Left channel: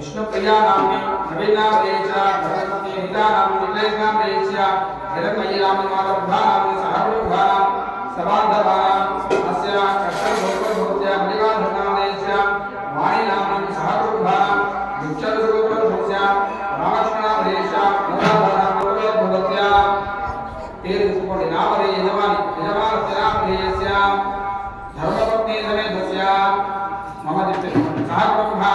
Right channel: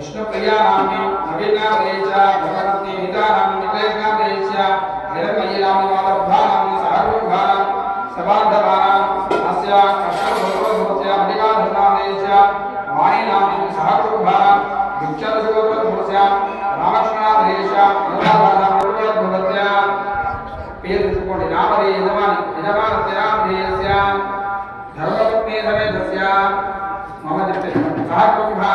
विष्णु प्रिया नाम्नी नवीना प्रिया भगवती हिता नाम्नी निकलेशना प्रिया हिरण्मयी नाम्नी मालभा नाम्नी सहरूभा सबांधवा अस्या अक्षर भोगवत्या मणिकाधना प्रिया वाणी नाम्नी सहरूभा विक्षर सुगोत्रभूस्या रामकृष्ण प्रिया मूलाधारा भगवत्या पेर इसकोंडि नामरे यजमानस्य नाम प्रियस्या धर्मपत्नी समेतस्या मम दिव्य सहरूभा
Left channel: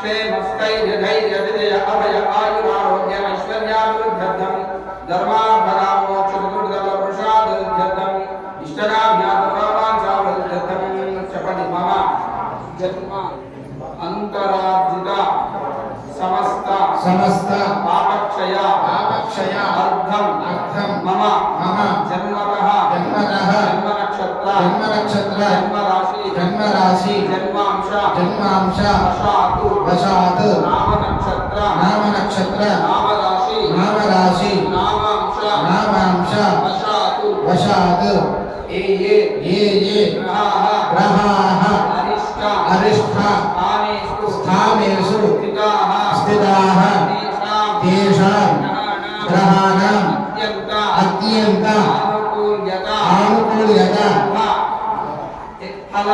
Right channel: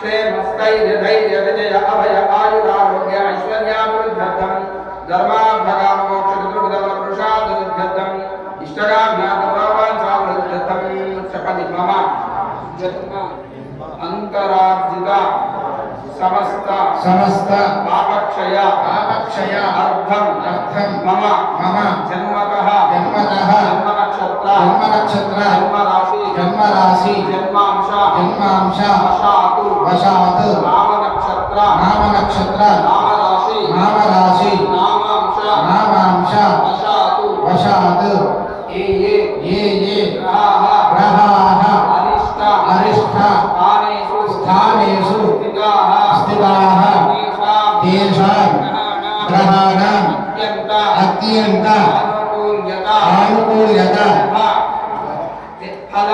क्षेमस्थैर्यधैर्य विजय अभय आयुरारोग्य ऐश्वर्याभिवृद्ध्यर्थं धर्माभगामोक्षचतुर्विधफलपुरुषार्थं इष्टकाम्यार्थं चपति मम अंतरार्जिता समस्त पापक्षय अर्थं मम जन्मतः जन्म नक्षत्र जन्म राशि जन्मांश वशात नाम नक्षत्र नाम राशि नामांश वशात ये ग्रहाः अरिष्ट स्थानेषु स्थिताः तेषां ग्रहाणां अत्यन्त आनुकूल्यता फल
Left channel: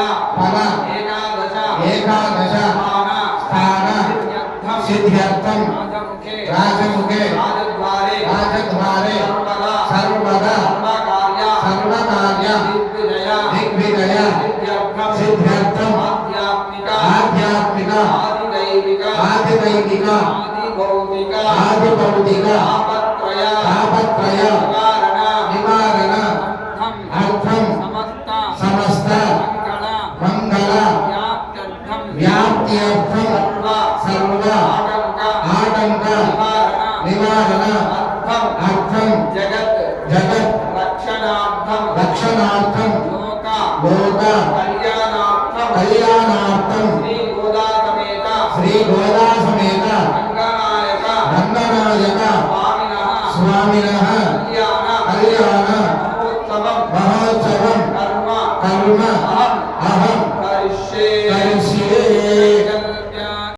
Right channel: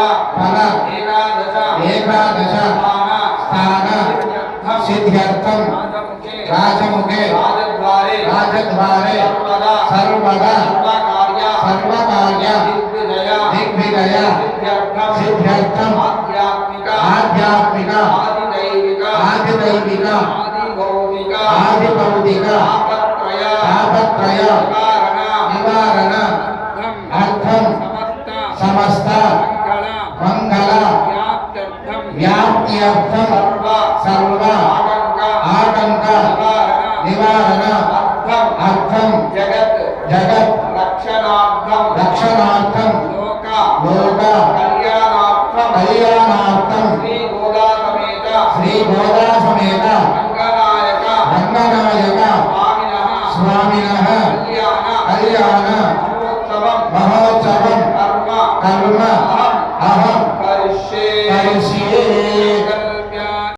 एकादश स्थान सिद्ध्यर्थं राजमुखे राजद्वारे सर्वदा सर्वकार्य दिग्विजय सिद्ध्यर्थं आध्यात्मिक आदिदैविक आदिभौतिक तापत्रय निवारण अर्थं समस्त मंगल व्याप्त्यर्थं सर्व आतंक निवारण अर्थं जगत रक्षणार्थं लोक कल्याणार्थं श्री गोदा समेत रंगनायक स्वामिनः कल्याण महोत्सवं कर्म